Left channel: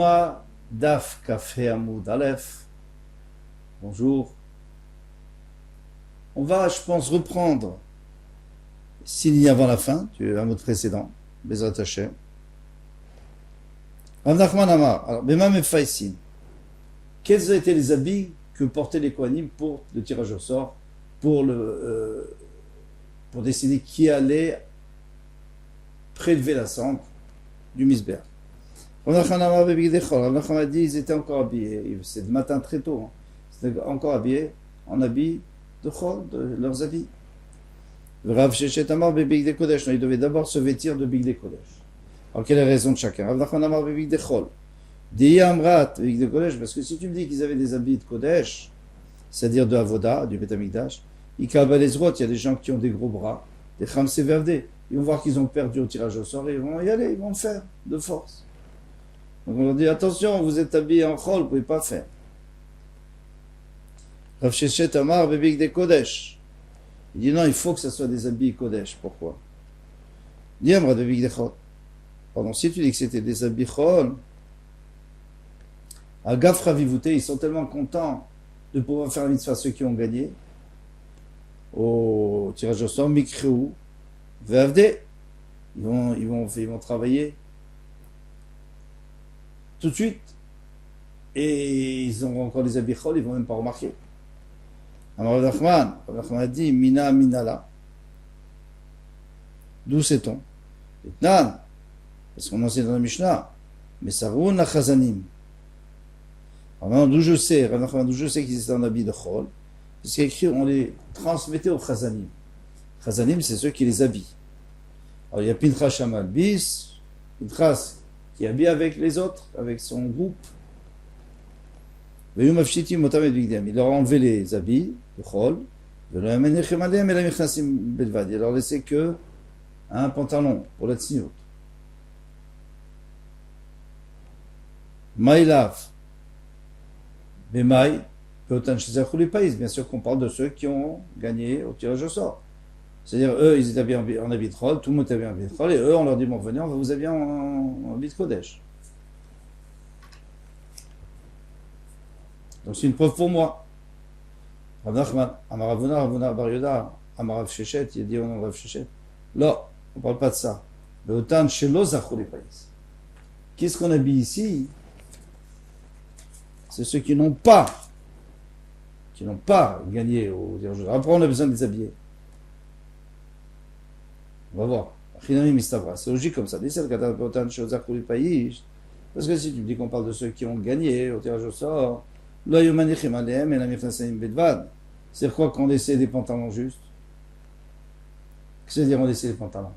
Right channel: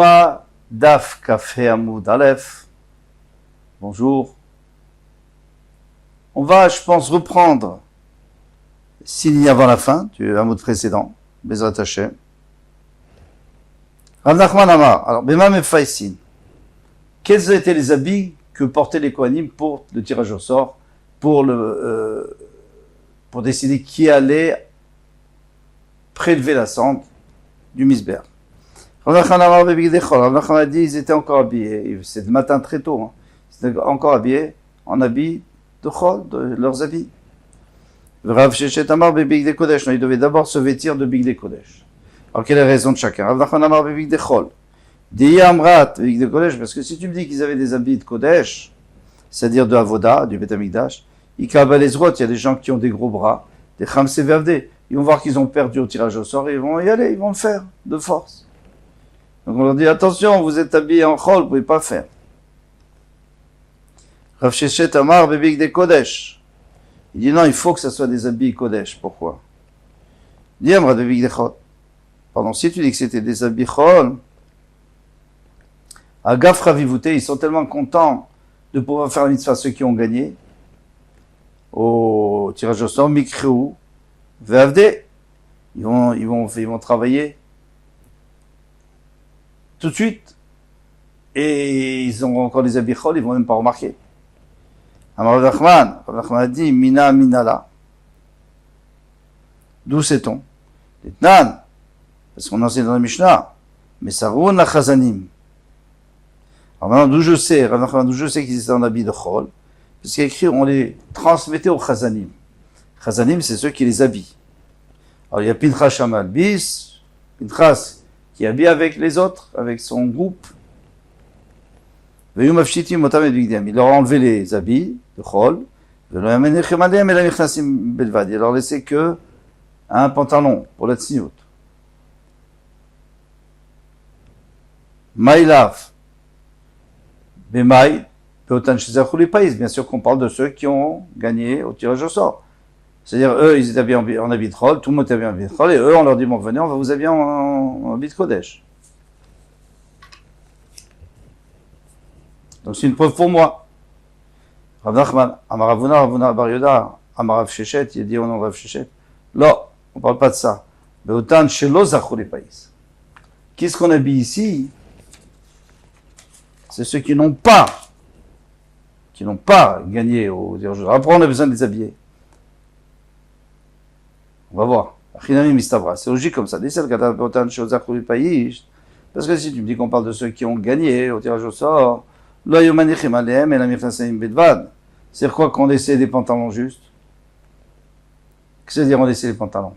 Yoma Daf Kafé Amoud Aleph. Bonjour. On va, je pense, reprendre, s'il y a avant la fin, du Amoud précédent, Bezrat Hashem. Rav Nachman Amar. Alors, Bema Mefaisin. Quels étaient les habits que portaient les Kohanim pour le tirage au sort, pour décider qui allait prélever la cendre du Misber. Rav Nachman Amar Bebigdechol. Rav Nachman a dit ils étaient encore habillés. C'est le matin très tôt. Hein. Ils étaient encore habillés en habits de Chol, de leurs habits. Rav Sheshet Amar Bebigde Kodesh. Non, ils devaient d'abord se vêtir de Bigde Kodesh. Alors, quelle est la raison de chacun? Rav Nachman Amar Bebigde Chol. Di Amrat Bebigde Kodesh. Parce que si tu me dis qu'ils avaient des habits de Kodesh, c'est-à-dire de Avoda, du Bet Amikdash, il y a des gens qui ont des gros bras, des Khamse Vavde. Ils vont voir qu'ils ont perdu au tirage au sort et ils vont y aller, ils vont le faire de force. Donc on leur dit attention, vous êtes habillés en Chol, vous ne pouvez pas faire. Rav Sheshet Amar Bebigde Kodesh. Il dit non, il faut que ce soit des habits Kodesh. Pourquoi? Il dit Amrat Bebigde Chol. Pardon, si tu dis que c'était des habits Chol, à Gaf Ravivouté, ils sont tellement contents de pouvoir faire la mitzvah, ceux qui ont gagné au tirage au sort, Mikreou, Vavde, ils vont travailler tout de suite, et ils ont encore des habits chol, ils vont même pas remarquer. Amar Rav Nachman a dit, Mina Minala. D'où sait-on? Etnan, parce qu'on enseigne dans la Mishnah, mais Saroun la Chazanim. Alors maintenant, d'où je sais, qu'ils étaient en habit de chol, parce qu'il y a écrit, on les transmettait aux Chazanim. Chazanim, c'est ceux qui les habillent. Alors il y a Pinchas Shamal Bis, Pinchas qui habille avec les autres, avec son groupe. Il leur a enlevé les habits de chol, il leur laissait que un pantalon pour la tzniut. Maïlav. Bemaï, bien sûr qu'on parle de ceux qui ont gagné au tirage au sort. C'est-à-dire, eux, ils étaient habillés en habit de chol, tout le monde était habillé en habit de chol, et eux, on leur dit, bon, venez, on va vous habiller en habit de kodesh. Donc c'est une preuve pour moi. Rav Nachman, Amaravuna, Bar Yoda, Amarav Sheshet, il a dit au nom de Rav Sheshet. Là, on ne parle pas de ça. Mais autant chez l'Ozachouli Païs. Qu'est-ce qu'on habille ici? C'est ceux qui n'ont pas gagné au tirage au sort. Après, on a besoin de les habiller. On va voir. C'est logique comme ça. Parce que si tu me dis qu'on parle de ceux qui ont gagné au tirage au sort, c'est quoi qu'on laissait des pantalons justes? Qu'est-ce que c'est-à-dire on laissait les pantalons?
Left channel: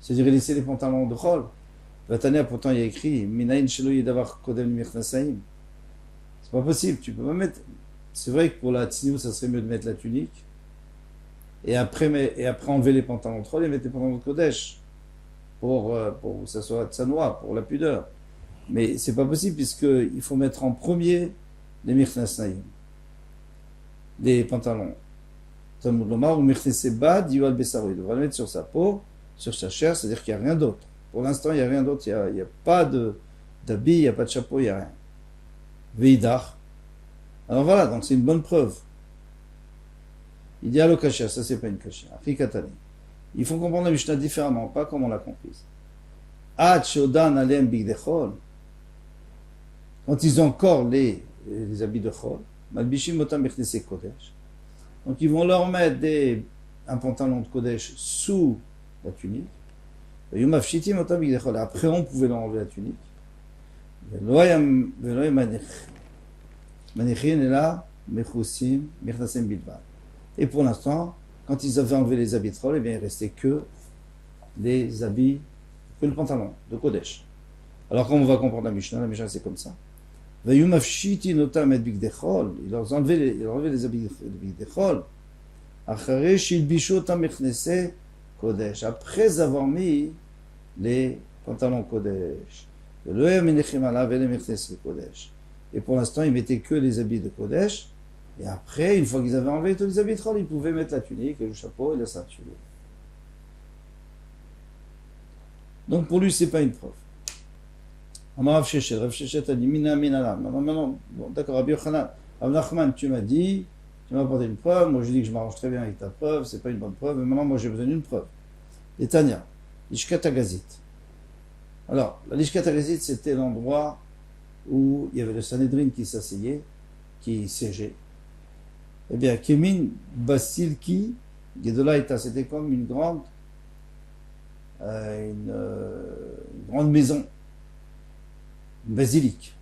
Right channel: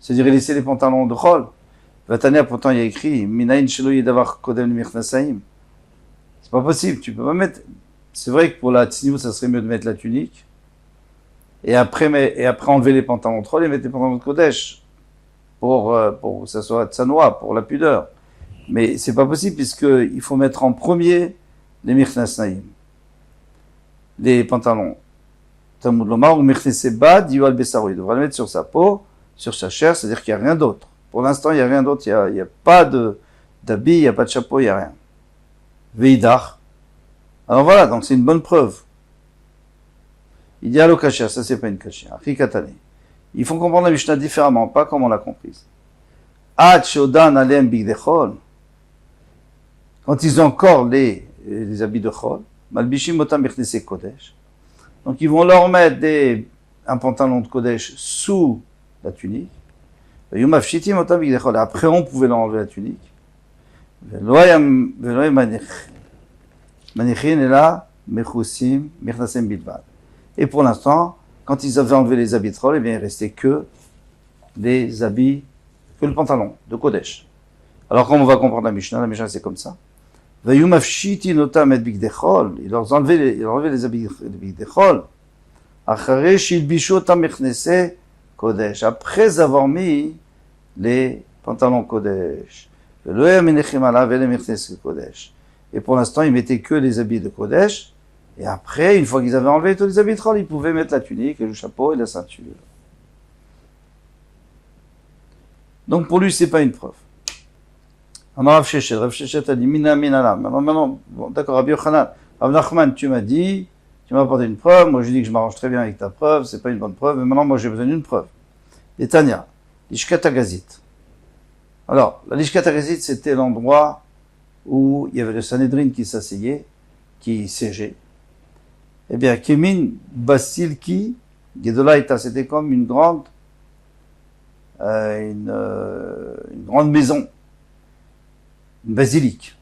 C'est-à-dire laisser les pantalons de chol. Vatania, pourtant il y a écrit c'est pas possible, tu peux pas mettre. C'est vrai que pour la tzniut, ça serait mieux de mettre la tunique. Et après enlever les pantalons de chol et mettre les pantalons de kodesh pour que ça soit tsanoa, pour la pudeur. Mais c'est pas possible puisqu'il faut mettre en premier les mirchnasaim, les pantalons. Talmud Lomar ou mirchneseba diwal besaro. Il devra le mettre sur sa peau, sur sa chair, c'est-à-dire qu'il n'y a rien d'autre. Pour l'instant, il n'y a rien d'autre. Il n'y a pas d'habit, il n'y a pas de chapeau, il n'y a rien. Veidach. Alors voilà, donc c'est une bonne preuve. Il dit allo kasher, ça c'est pas une kasher. Rikatane. Il faut comprendre la Mishnah différemment, pas comme on l'a comprise. Ad shodan alem bigdechol. Quand ils ont encore les habits de chol, malbishim otam bichnese kodesh. Donc ils vont leur mettre un pantalon de kodesh sous la tunique. Yomafshitim otam bigdechol. Après on pouvait leur enlever la tunique. Veloy manichin et là mechusim mirnasem bilbad. Et pour l'instant, quand ils avaient enlevé les habits de chol, eh bien il restait que les habits, que le pantalon de kodesh. Alors comme on va comprendre la Mishnah c'est comme ça. Il leur enlevait les habits de bigdechol. Après avoir mis les pantalons kodesh. Et pour l'instant, ils mettaient que les habits de kodesh. Et après, une fois qu'ils avaient enlevé tous les habits de chol, ils pouvaient mettre la tunique, le chapeau et la ceinture. Donc pour lui, c'est pas une preuve. Amar Rav Shechet a dit, Mina Minala. Maintenant, bon, d'accord, Rabbi Yochanan, Rav Nachman, tu m'as dit, tu m'as apporté une preuve, moi j'ai dit que je m'arrange très bien avec ta preuve, c'est pas une bonne preuve, mais maintenant moi j'ai besoin d'une preuve. Et Tania, Lishkat Agazit. Alors, la Lishkat Agazit, c'était l'endroit où il y avait le Sanhedrin qui s'asseyait, qui siégeait. Eh bien, Kemin Basilki, Gedolaïta, c'était comme une grande maison, une basilique.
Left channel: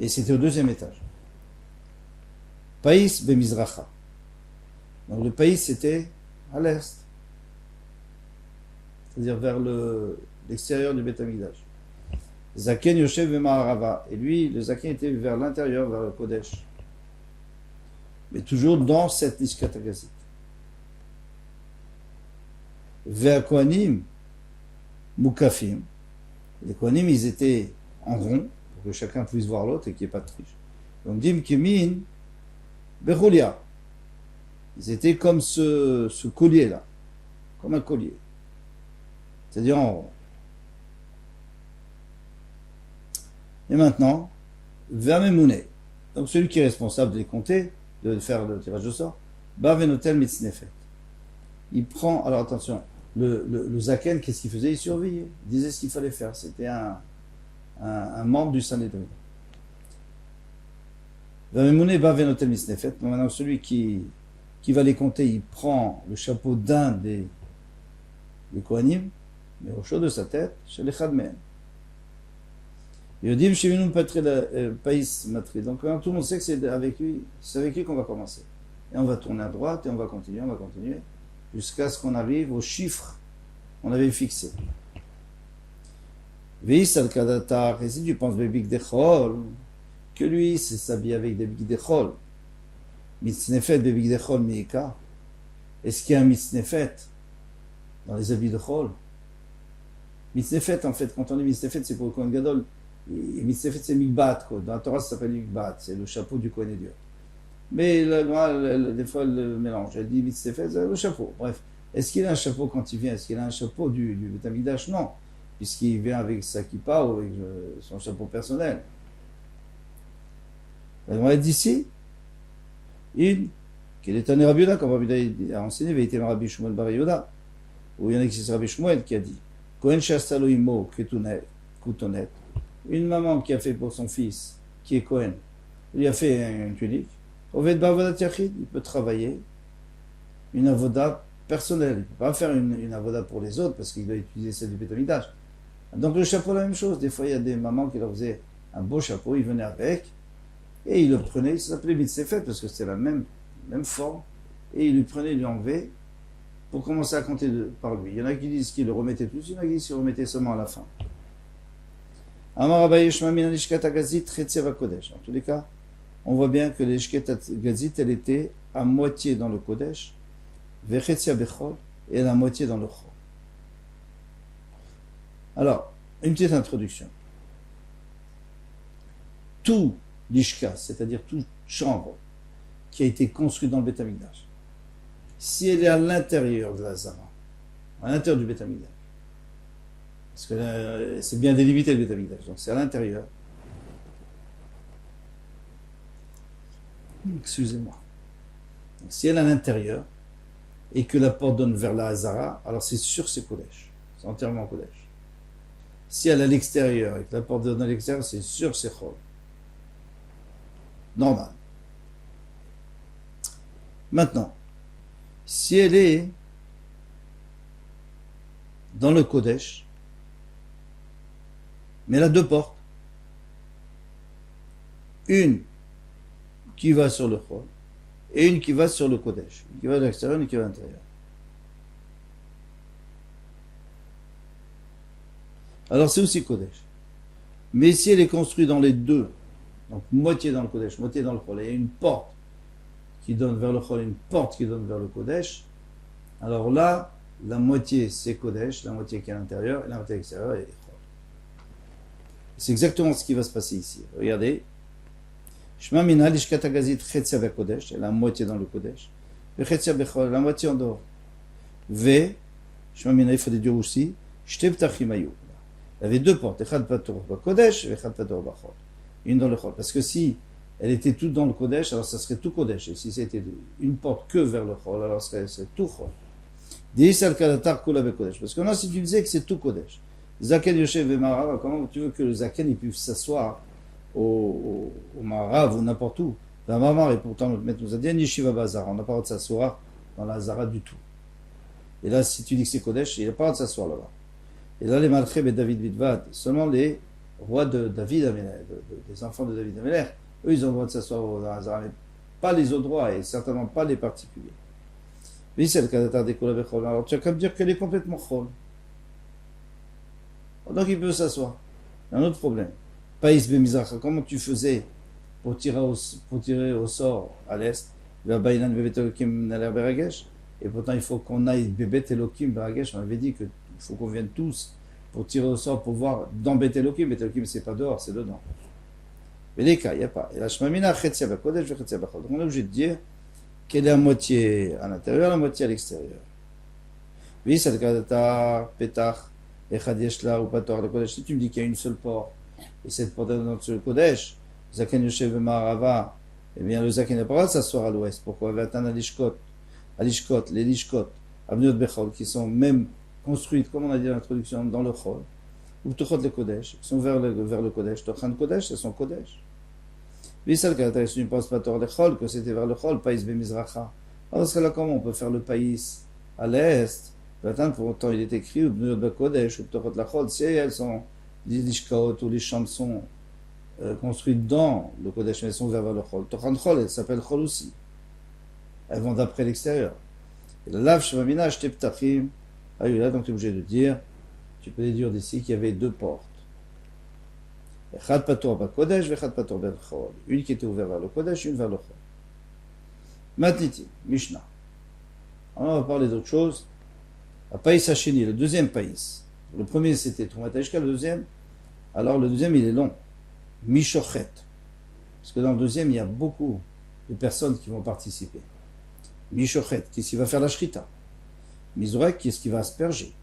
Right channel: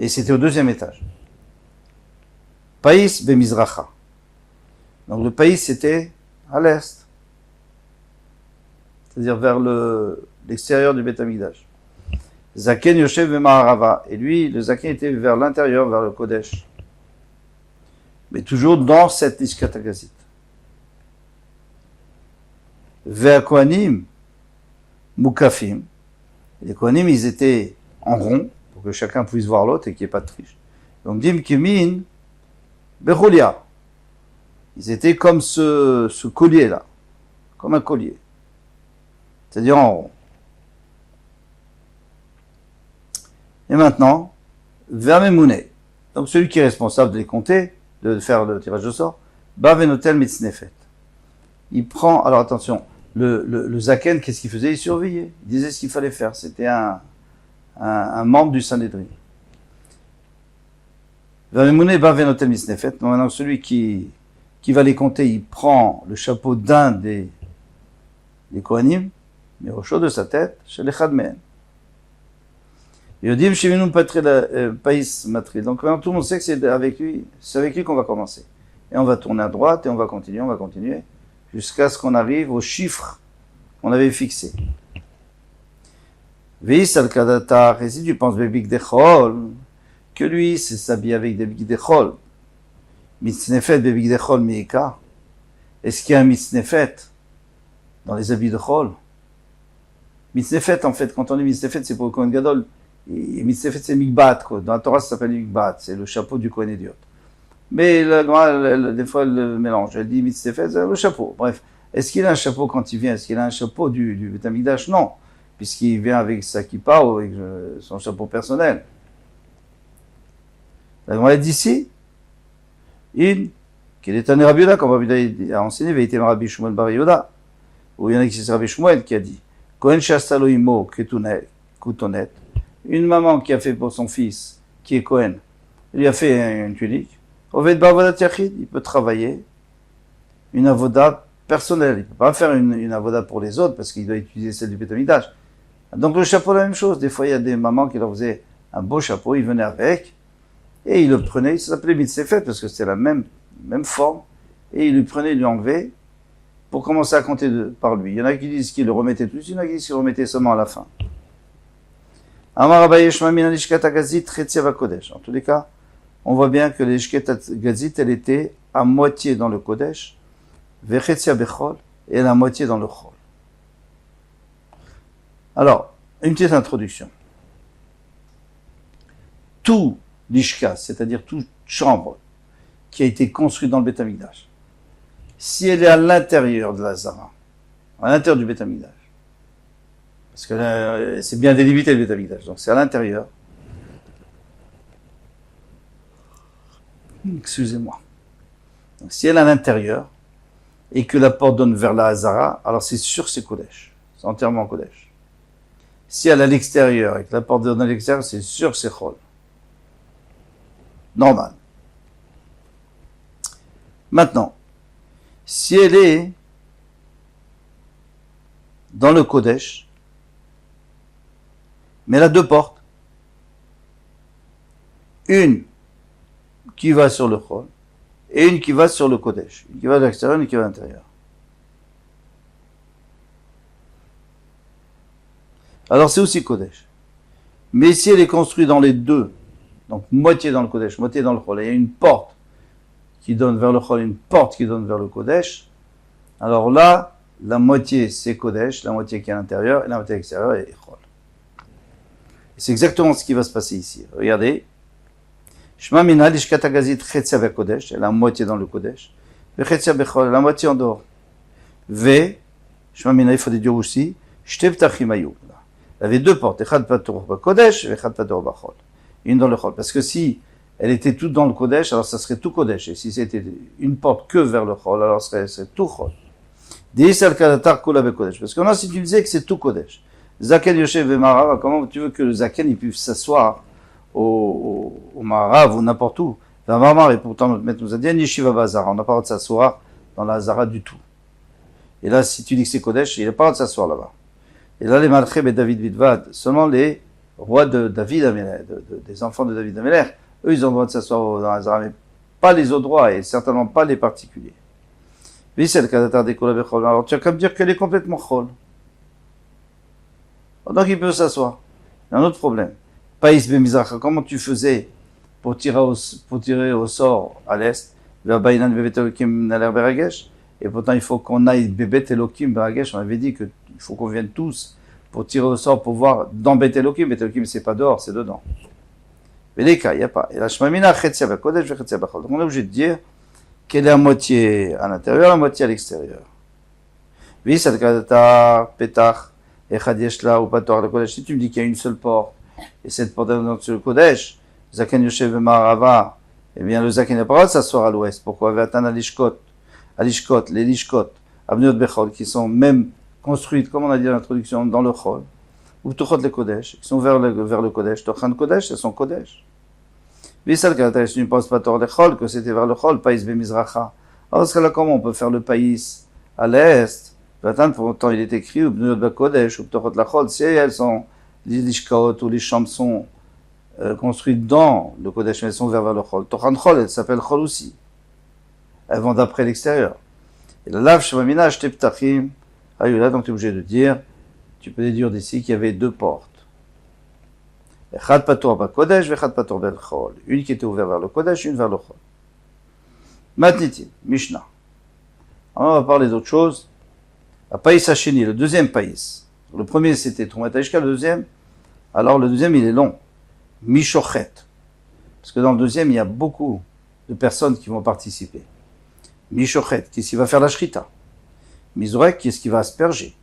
Et c'était au deuxième étage. Païs Bemizracha. Donc le pays c'était à l'est, c'est-à-dire vers l'extérieur du Beth Amikdash. Zaken Yoshev Bema'arava. Et lui, le Zaken était vers l'intérieur, vers le Kodesh. Mais toujours dans cette Lishkat Agazit. Vers Kohanim, Mukafim. Les Kohanim, ils étaient en rond, pour que chacun puisse voir l'autre et qu'il n'y ait pas de triche. Donc, Dim Kimin, Bechulia. Ils étaient comme ce collier-là, comme un collier. C'est-à-dire en rond. Et maintenant, Vermemouné. Donc, celui qui est responsable de les compter, de faire le tirage de sort, Bavenotel Mitznefet. Il prend, alors attention, le Zaken, qu'est-ce qu'il faisait? Il surveillait, il disait ce qu'il fallait faire. C'était un membre du Sanhedrin. Vamemouné Bavenotel Mitznefet. Maintenant, celui qui va les compter, il prend le chapeau d'un des Kohanim, mais au chaud de sa tête, chez les Chadmen. Yodim Shivinu Païs Matri. Donc maintenant tout le monde sait que c'est avec lui qu'on va commencer. Et on va tourner à droite et on va continuer, jusqu'à ce qu'on arrive au chiffre qu'on avait fixé. Veis al Kadata, et si tu penses Bebik Dechol, que lui s'habille avec des Bebik Dechol, Mitznefet Bebik Dechol Meika, est-ce qu'il y a un Mitznefet dans les habits de Chol? Mitznefet, en fait, quand on dit Mitznefet, c'est pour le Kohen Gadol. Mitznefet, c'est Mikbat, quoi. Dans la Torah, ça s'appelle Mikbat, c'est le chapeau du Kohen Idiot. Mais des fois, elle le mélange. Elle dit Mitznefet, c'est le chapeau. Bref, est-ce qu'il a un chapeau quand il vient? Est-ce qu'il a un chapeau du Beth Amikdash? Non, puisqu'il vient avec sa kippa ou avec son chapeau personnel. La Gemara dit ici, qu'il est un Rabbi Yehuda, comme Rabbi Yehuda a enseigné, il était un Rabbi Shmuel Bar Yehuda, où il y en a qui c'est Rabbi Shmuel qui a dit, Kohen Shastalo Imo Kutonet, une maman qui a fait pour son fils, qui est Kohen, il lui a fait une tunique, il peut travailler une avoda personnelle, il ne peut pas faire une avoda pour les autres, parce qu'il doit utiliser celle du Beth Amikdash. Donc le chapeau, la même chose, des fois il y a des mamans qui leur faisaient un beau chapeau, ils venaient avec, et ils le prenaient, ça s'appelait Mitzefet, parce que c'était la même forme, et ils lui prenaient, ils lui enlevaient, pour commencer à compter par lui. Il y en a qui disent qu'il le remettait plus, il y en a qui disent qu'il le remettait seulement à la fin. En tous les cas, on voit bien que l'Ishket Gazit, elle était à moitié dans le Kodesh, Vechetzia Bechol, et à moitié dans le Chol. Alors, une petite introduction. Tout l'Ishkat, c'est-à-dire toute chambre qui a été construite dans le Beth Amikdash, si elle est à l'intérieur de la Zara, à l'intérieur du Beth Amikdash, parce que c'est bien délimité le Beth Amikdash, donc c'est à l'intérieur. Excusez-moi. Donc, si elle est à l'intérieur et que la porte donne vers la Hazara, alors c'est sûr c'est Kodesh, c'est entièrement Kodesh. Si elle est à l'extérieur et que la porte donne à l'extérieur, c'est sûr c'est Chol. Normal. Maintenant, si elle est dans le Kodesh, mais elle a deux portes. Une qui va sur le Chol et une qui va sur le Kodesh. Une qui va à l'extérieur et une qui va à l'intérieur. Alors c'est aussi Kodesh. Mais si elle est construite dans les deux, donc moitié dans le Kodesh, moitié dans le Chol, et il y a une porte qui donne vers le Chol, une porte qui donne vers le Kodesh, alors là, la moitié c'est Kodesh, la moitié qui est à l'intérieur, et la moitié à l'extérieur est Chol. C'est exactement ce qui va se passer ici. Regardez. Shema mina l'ishkat hagazit chetzia bekodesh, elle a la moitié dans le Kodesh, vechetzia bechol, la moitié en dehors. Shema mina, il faut dire aussi, Shte ptachim hayu. Il y avait deux portes, Echad Patur Kodesh et Echad Patur Bachol. Une dans le Chol. Parce que si elle était toute dans le Kodesh, alors ça serait tout Kodesh. Et si c'était une porte que vers le Chol, alors ça serait tout Chol. Parce que non, si tu disais que c'est tout Kodesh, Zaken Yoshev et Marav, comment tu veux que le Zaken il puisse s'asseoir au Marav ou n'importe où? Dans Marmar, et pourtant notre maître nous a dit Yeshiva Bazara, on n'a pas le droit de s'asseoir dans la Hazara du tout. Et là, si tu dis que c'est Kodesh, il n'a pas le droit de s'asseoir là-bas. Et là, les Malcheb et David Bidvad, seulement les rois de David Améler, des enfants de David Améler, eux, ils ont le droit de s'asseoir dans la Hazara, mais pas les autres droits, et certainement pas les particuliers. Oui, c'est le cas des Kol Bechol. Alors, tu as qu'à me dire qu'elle est complètement Chol. Donc, il peut s'asseoir. Il y a un autre problème. Païs Bemizracha, comment tu faisais pour tirer au sort à l'est, vers Baïnan Bebet Elokim Naler Beragesh, et pourtant, il faut qu'on aille Bebet Elokim Beragesh, on avait dit que il faut qu'on vienne tous pour tirer au sort, pour voir dans Bet Elokim. Bet Elokim, c'est pas dehors, c'est dedans. Mais les cas, il n'y a pas. Et la Shmamina, Chetzia Bakodesh, Chetzia Bachol. Donc on est obligé de dire qu'elle est à moitié à l'intérieur, à moitié à l'extérieur. Oui, ça te Petach, Echad Yeshla ou Pator le Kodesh. Si tu me dis qu'il y a une seule porte, et cette porte est dans le Kodesh, Zaken Yoshev Marava, eh bien le Zaken n'a pas le droit de s'asseoir à l'ouest. Pourquoi? Vatan Alishkot, les Lishkot, Avniot Bechol, qui sont même construites, comme on a dit dans l'introduction, dans le Chol, ou Tuchot le Kodesh, qui sont vers le Kodesh, Tochan Kodesh, elles sont Kodesh. Vissal Kalata, si tu ne penses pas Tor le Chol, que c'était vers le Chol, Païs Bemizracha. Alors, ce là, comment on peut faire le Païs à l'est? Pourtant, il est écrit, ou Bnut Kodesh, ou Tuchot la Chol, si elles sont, les Lishkaot, ou les chambres sont construites dans le Kodesh, mais elles sont vers le Chol. Tochan Chol, elles s'appellent Chol aussi. Elles vont d'après l'extérieur. Et la Lav Shvamina, Shte Ptachim, là, donc tu es obligé de dire, tu peux déduire d'ici qu'il y avait deux portes. Echad Patur Bakodesh, Echad Patur Bel Chol. Une qui était ouverte vers le Kodesh, une vers le Chol. Matniti, Mishnah. Alors on va parler d'autre chose. La Païs Hacheni, le deuxième Païs. Le premier c'était Troumat Haishka, le deuxième. Alors le deuxième il est long. Mishochet. Parce que dans le deuxième il y a beaucoup de personnes qui vont participer. Mishochet, qui s'y va faire la Shrita. Mizorek, qui est-ce qui va asperger?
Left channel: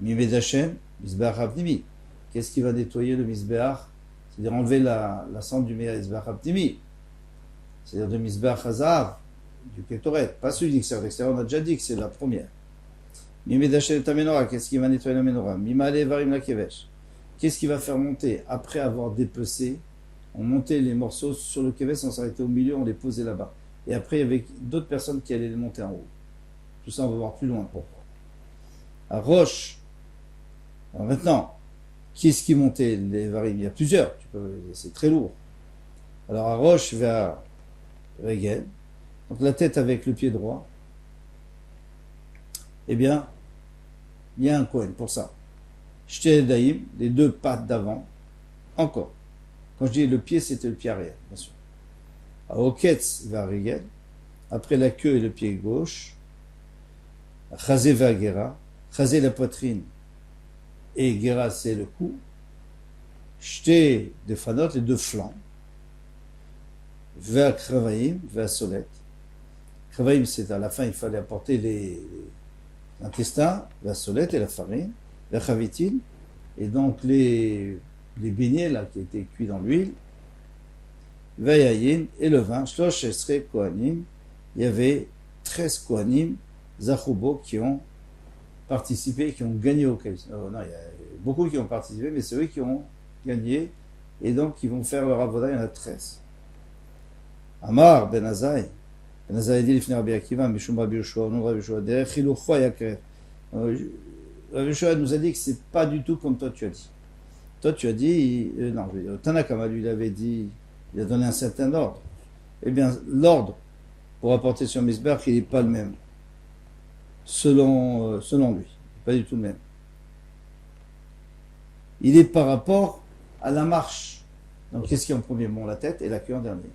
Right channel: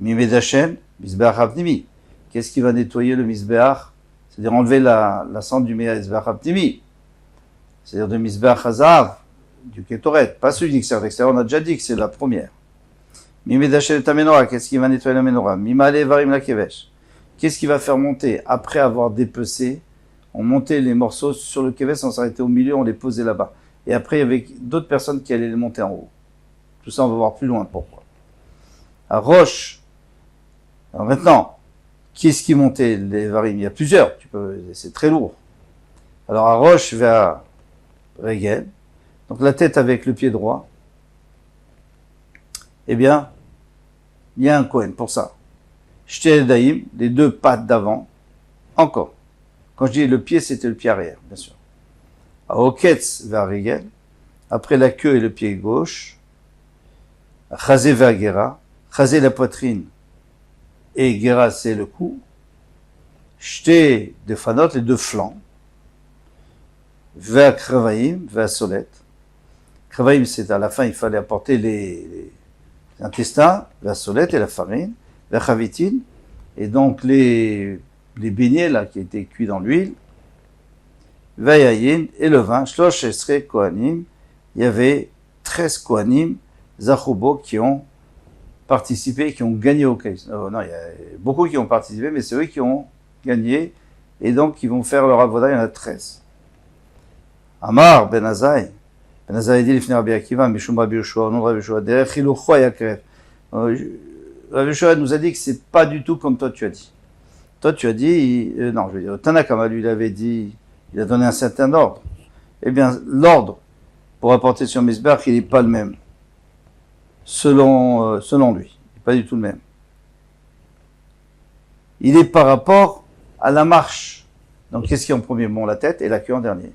Mimed Hashem, Mizbeach Apnimi. Qu'est-ce qui va nettoyer le Mizbeach? C'est-à-dire enlever la cendre du Mizbeach Apnimi. C'est-à-dire de Mizbeach Hazav, du Ketoret. Pas celui d'extérieur. L'extérieur, on a déjà dit que c'est la première. Mimed Hashem ta menorah. Qu'est-ce qui va nettoyer la menorah? Mimale Varim la Kevesh. Qu'est-ce qui va faire monter? Après avoir dépecé, on montait les morceaux sur le Kevesh, on s'arrêtait au milieu, on les posait là-bas. Et après, il y avait d'autres personnes qui allaient les monter en haut. Tout ça, on va voir plus loin pourquoi. À Roche, alors maintenant, qui est-ce qui montait les varim? Il y a plusieurs, c'est très lourd. Alors à Roche vers Regen, donc la tête avec le pied droit, eh bien, il y a un Kohen pour ça. Shte Daïm, les deux pattes d'avant, encore. Quand je dis le pied, c'était le pied arrière, bien sûr. À Oketz vers Regen, après la queue et le pied gauche, Chazé vers Gera, Chazé la poitrine, et Gera c'est le cou, Shte de Fanot, les deux flancs, vers Kravaïm, vers Solet. Kravaïm, c'est à la fin, il fallait apporter les intestins, la solette et la farine, la chavitine, et donc les beignets là qui étaient cuits dans l'huile, Vayayin et le vin, Shlosh Esre Kohanim, il y avait 13 Kohanim, Zachubo, qui ont participé, qui ont gagné au Kaïs. Non, il y a beaucoup qui ont participé, mais c'est eux qui ont gagné, et donc qui vont faire leur avoda, il y en a 13. Amar Ben Azai, Ben Azai dit l'ifner Rabbi Akiva, Mishum Rabbi Yoshua, non Rabbi Yoshua, derech Chilucho Yakref. Rabbi Yoshua nous a dit que c'est pas du tout comme toi tu as dit. Toi tu as dit, non, je veux dire, Tanakama lui il avait dit, il a donné un certain ordre. Eh bien, l'ordre pour apporter sur Mizbeach, il n'est pas le même. Selon lui, pas du tout le même. Il est par rapport à la marche. Donc, qu'est-ce qui est en premier? Bon, la tête et la queue en dernier.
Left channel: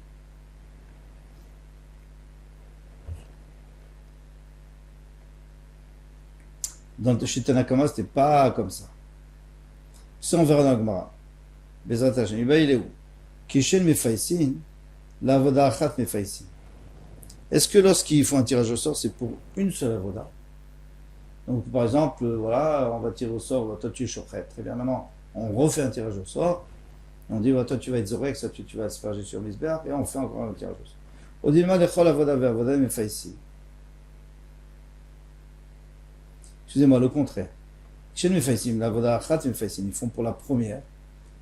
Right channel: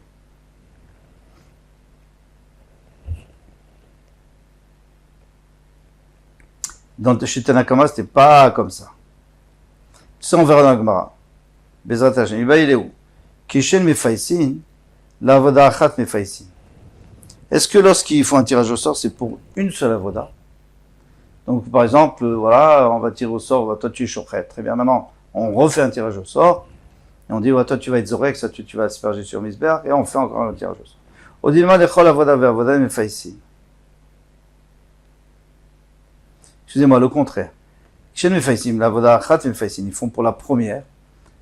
Dans chez Tanakama, c'était pas comme ça. Ça, on verra dans la Gemara. Bezrat Hashem. Il est où? Kishen mefaisin, la avoda achat mefaisin. Est-ce que lorsqu'ils font un tirage au sort, c'est pour une seule avoda? Donc, par exemple, voilà, on va tirer au sort, toi tu es chochet. Très bien, maintenant, on refait un tirage au sort, et on dit, toi tu vas être zorek, ça tu vas asperger sur Misber, et on fait encore un tirage au sort. Au dilma lechol avoda ve'avoda mefaisi. Excusez-moi, le contraire. Chez Mefaisim, l'avoda achat Mefaisim, ils font pour la première,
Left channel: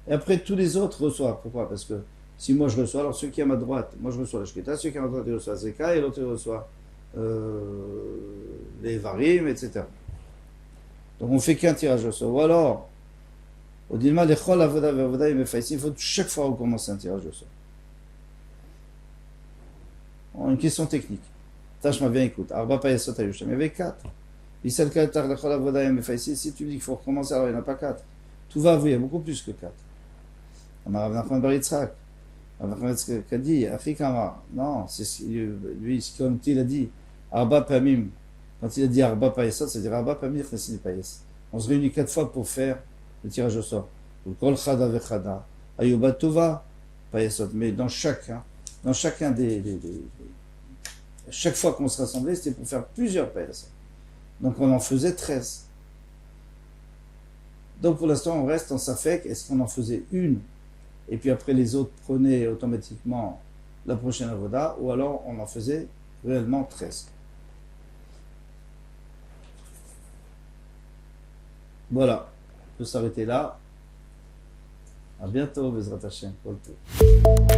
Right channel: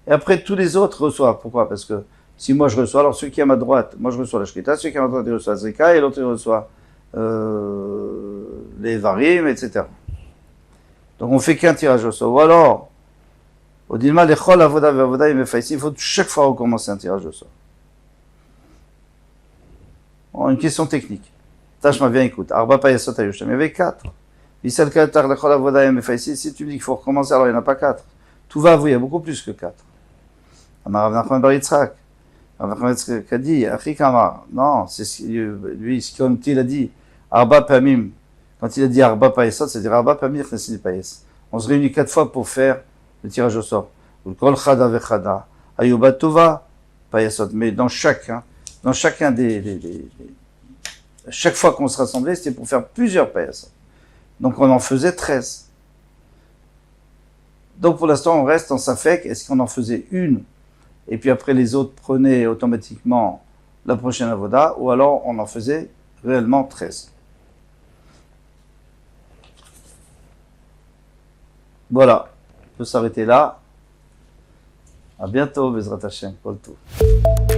et après tous les autres reçoivent. Pourquoi? Parce que si moi je reçois, alors celui qui est à ma droite, moi je reçois la shkita, celui qui est à ma droite il reçoit la zrika, et l'autre il reçoit les varim, etc. Donc on fait qu'un tirage au sort. Ou alors, au dilma lechol avoda ve'avoda Mefaisim, il faut chaque fois recommencer un tirage au sort. Bon, une question technique. Tâche-moi bien, écoute. Arba payasot ayushem, il y avait 4. Si tu me dis qu'il faut recommencer, alors il n'y en a pas 4. Tout va avouer, il y a beaucoup plus que 4. Rav Nachman bar Yitzhak. Rav Nachman bar Yitzhak a dit, Achik Amar. Non, c'est lui, comme il a dit, Arba Pamim. Quand il a dit Arba Payasot, c'est-à-dire Arba Pamim, Chnesini Payas. On se réunit 4 fois pour faire le tirage au sort. Kol Chada Vechada. Ayuba Tova Payasot. Mais dans chacun chaque fois qu'on se rassemblait, c'était pour faire plusieurs Payasot. Donc on en faisait 13. Donc pour l'instant on reste en Safek, est-ce qu'on en faisait une et puis après les autres prenaient automatiquement la prochaine avoda, ou alors on en faisait réellement 13. Voilà, on peut s'arrêter là. À bientôt, Bezrat Hashem, Kol Tov.